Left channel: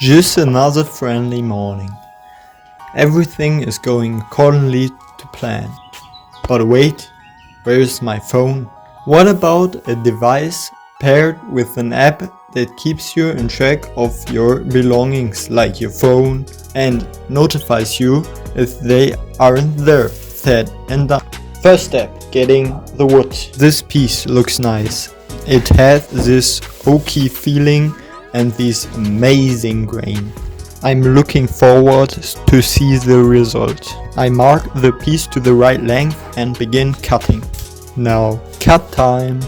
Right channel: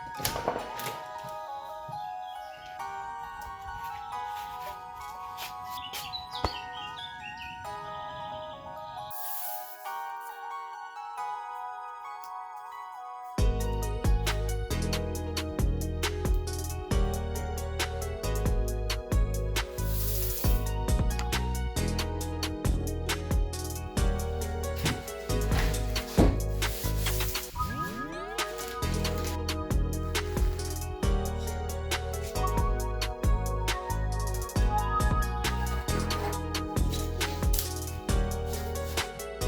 Just another friendly morning. Everything is going accordingly to plan. But wait, where's my phone? What about a device paired with an app that keeps you in track of your belongings like your phone and notifies you if they aren't there? Said and done. First step, getting the wood. This piece looks nice. It has this oaky feeling and this amazing grain. I'm looking forward to see the result. I mark the piece to the right length and begin cutting. Now, cut time!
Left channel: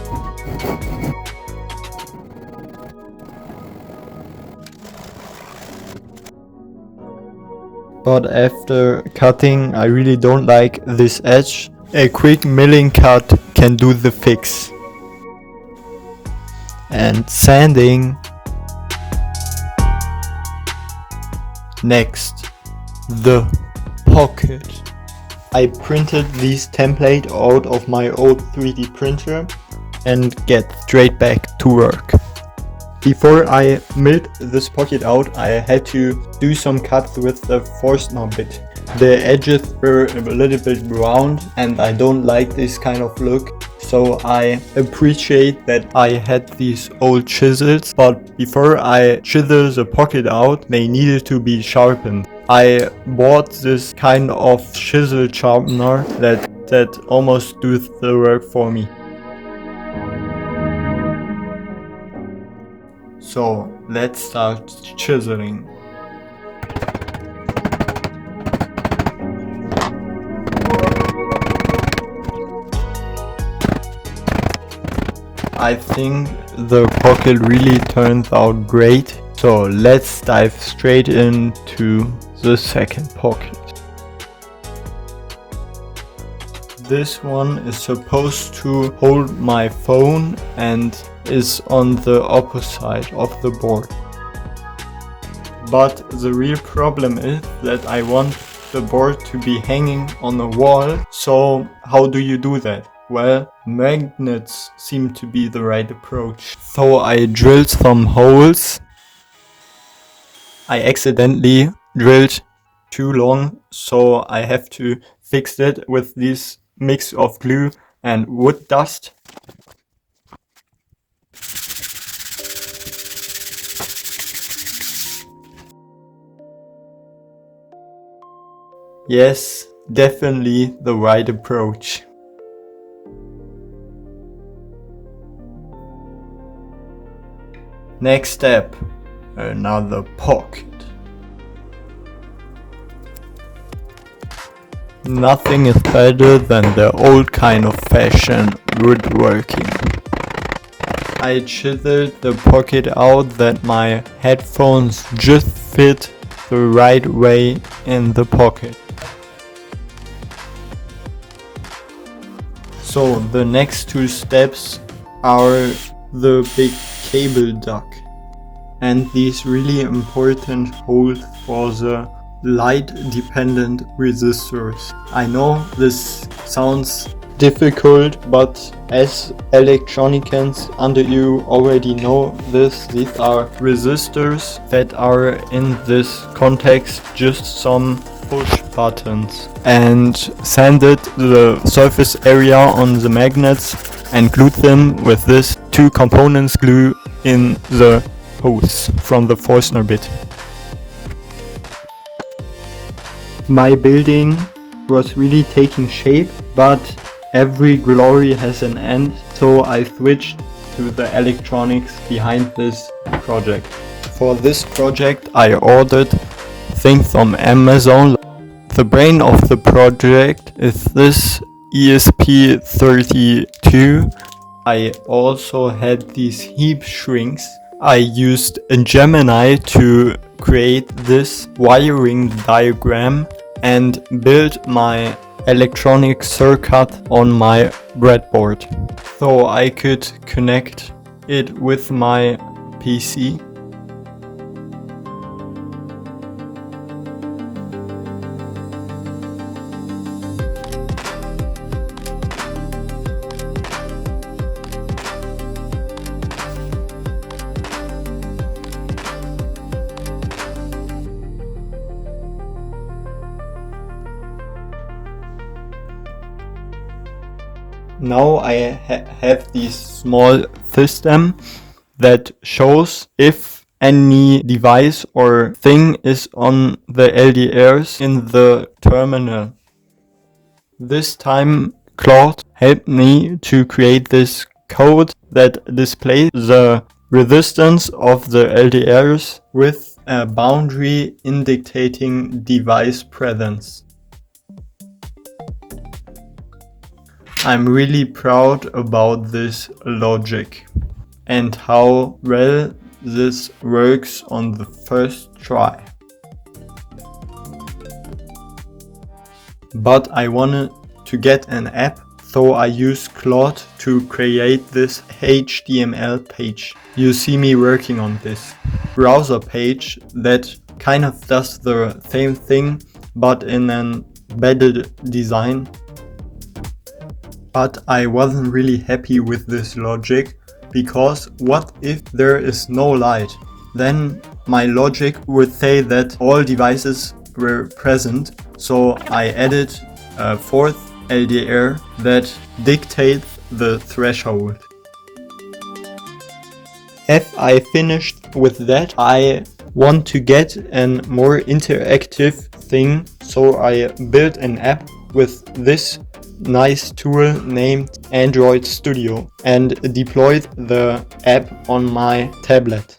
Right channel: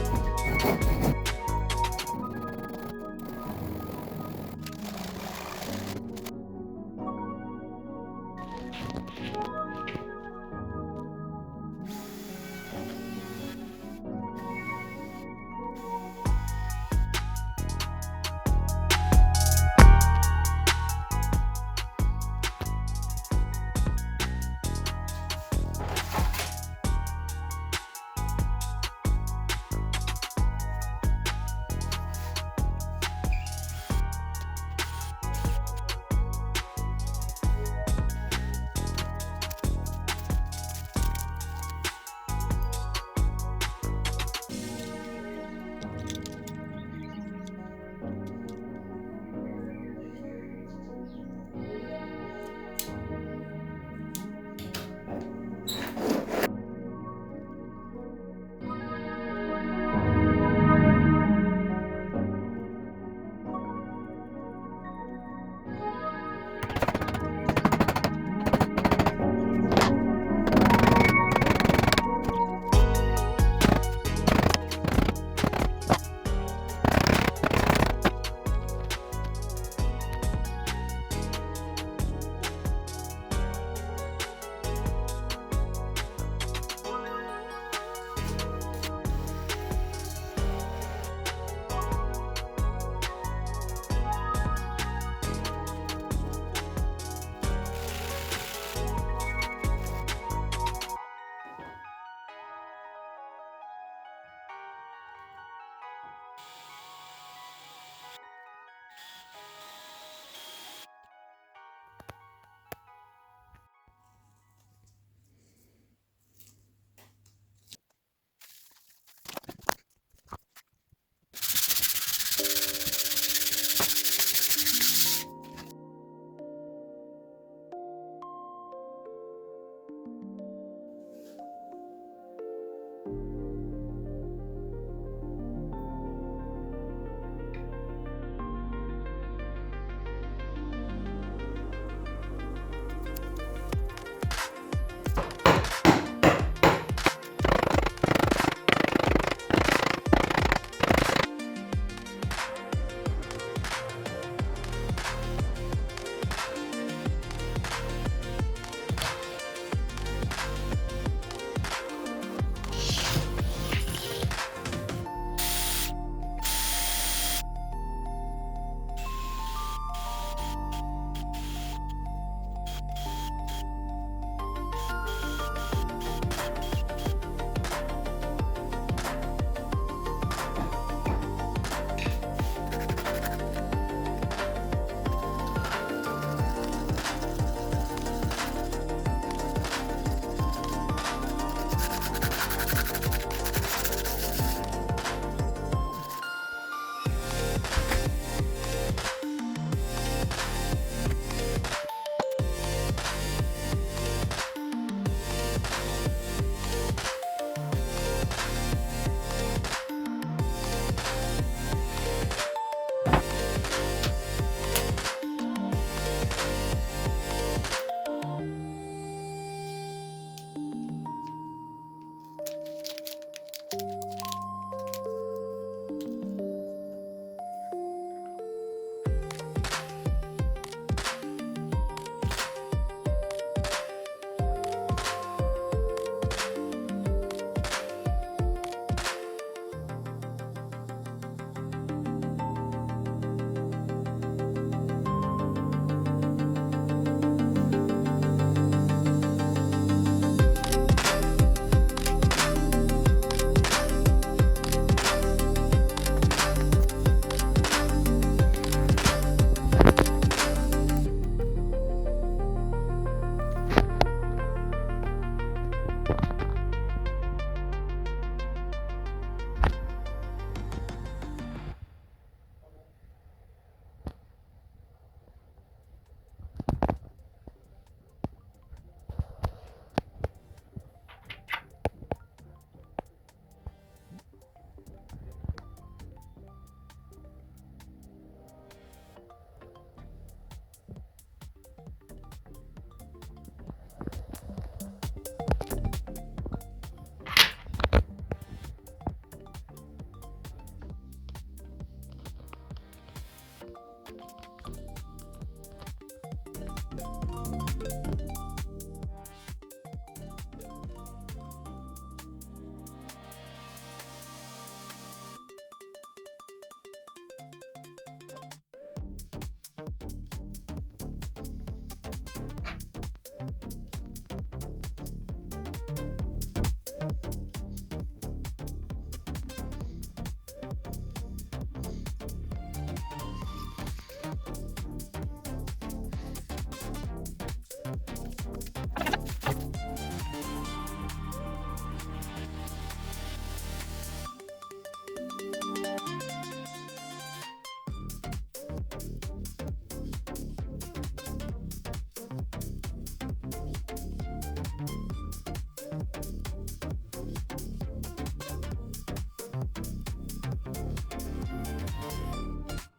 But after cutting, I really don't like this edge. A quick milling cut can do the fix. And sanding. Next, the pocket. I printed this template out of my old 3D printer and get straight back to work. Before I milled this pocket out, I had to do some cuts with the Forstner bit. The edges were a little bit round and I don't like this kind of look. So I appreciate that I had these old chisels, but before I chisel the pocket out, they needed to be sharpened. I bought this kind of chisel sharpener that almost does the work for me. So let's start chiseling. I think the pocket really turned out great, so let's dive straight into the second pocket. This one is supposed to hold my phone and is on the opposite of the board. But the real problem is that I want the board to be hanging on a wall, so how do you do that? Well, magnets seem to be the right approach. So I drilled some holes. I accidentally drilled too long, so I have to fix it with this mix of glue and wood dust. Yes, definitely the right approach. Next step, another pocket. Nothing is better than the old kind of fashion woodworking. I chiseled the pocket out that my headphones just fit the right way in the pocket. So the next two steps are the big cable duct and these really important holes for the light dependent resistors. I know this sounds difficult, but as electronicians under you already know this, these are resistors that are in this context just some push buttons, and sanded the surface area on the magnets and glued them with this two components glue in the hose from the Forstner bit. My building was really taking shape, but every glory has an end, so I switched to the electronics behind this project. For this project I ordered things from Amazon. The brain of the project is this ESP32. I also had these heap shrinks. I used a Gemini to create this wiring diagram and build my electronic circuit on my breadboard, so I could connect it with my PC. Now I have this small system that shows if any device or thing is on the LDRs in the terminal. This time Claude helped me to create this code that displays the resistance of the LDRs with a boundary indicating device presence. I'm really proud about this logic and how well this works on the first try. But I wanted to get an app, so I used Claude to create this HTML page. You see me working on this browser page that kind of does the same thing but in an embedded design. But I wasn't really happy with this logic, because what if there is no light? Then my logic would say that all devices were present, so I added a fourth LDR that dictates the threshold. If I finished with that, I want to get a more interactive thing, so I built an app with this nice tool named Android Studio and deployed the app on my tablet.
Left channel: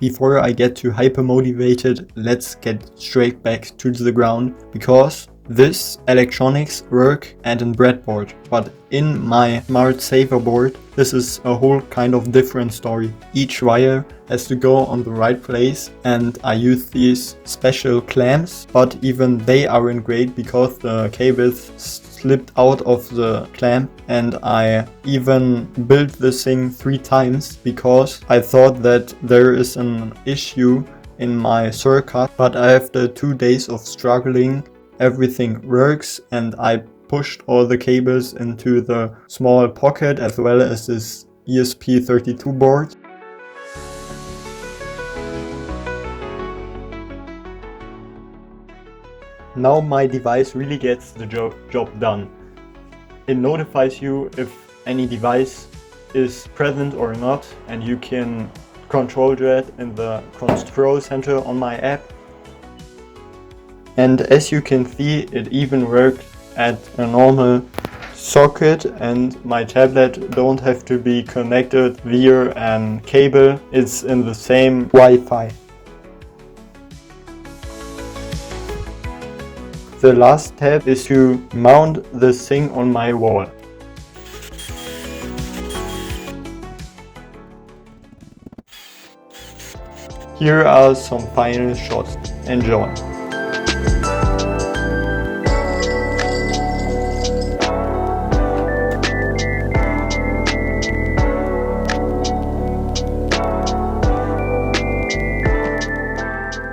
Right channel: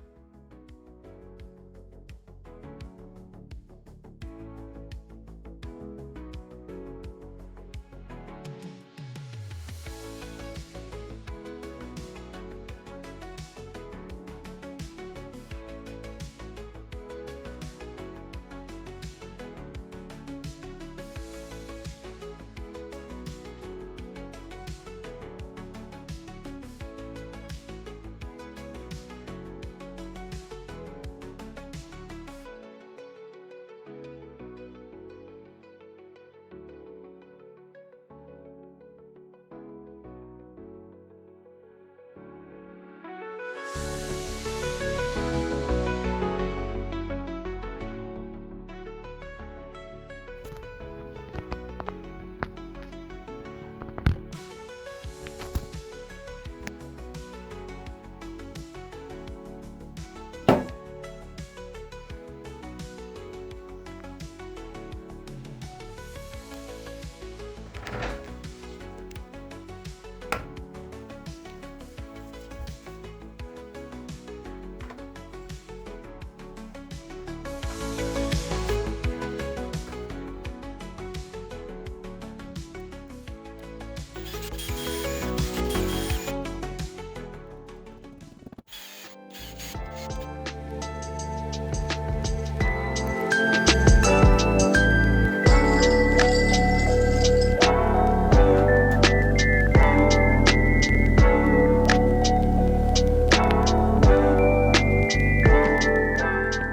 Before I get too hyper motivated, let's get straight back to the ground, because this electronics work at a breadboard, but in my smart saver board this is a whole kind of different story. Each wire has to go on the right place, and I use these special clamps, but even they aren't great because the cables slipped out of the clamp, and I even built this thing 3 times because I thought that there is an issue in my circuit. But after 2 days of struggling, everything works, and I pushed all the cables into the small pocket as well as this ESP32 board. Now my device really gets the job done. It notifies you if any device is present or not, and you can control that in the control center on my app. And as you can see, it even worked at a normal socket, and my tablet don't have to be connected via a cable. It's in the same Wi-Fi. The last step is to mount this thing on my wall. Here are some final shots. Enjoy!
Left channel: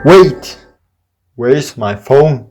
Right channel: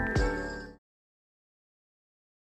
Wait! Where's my phone?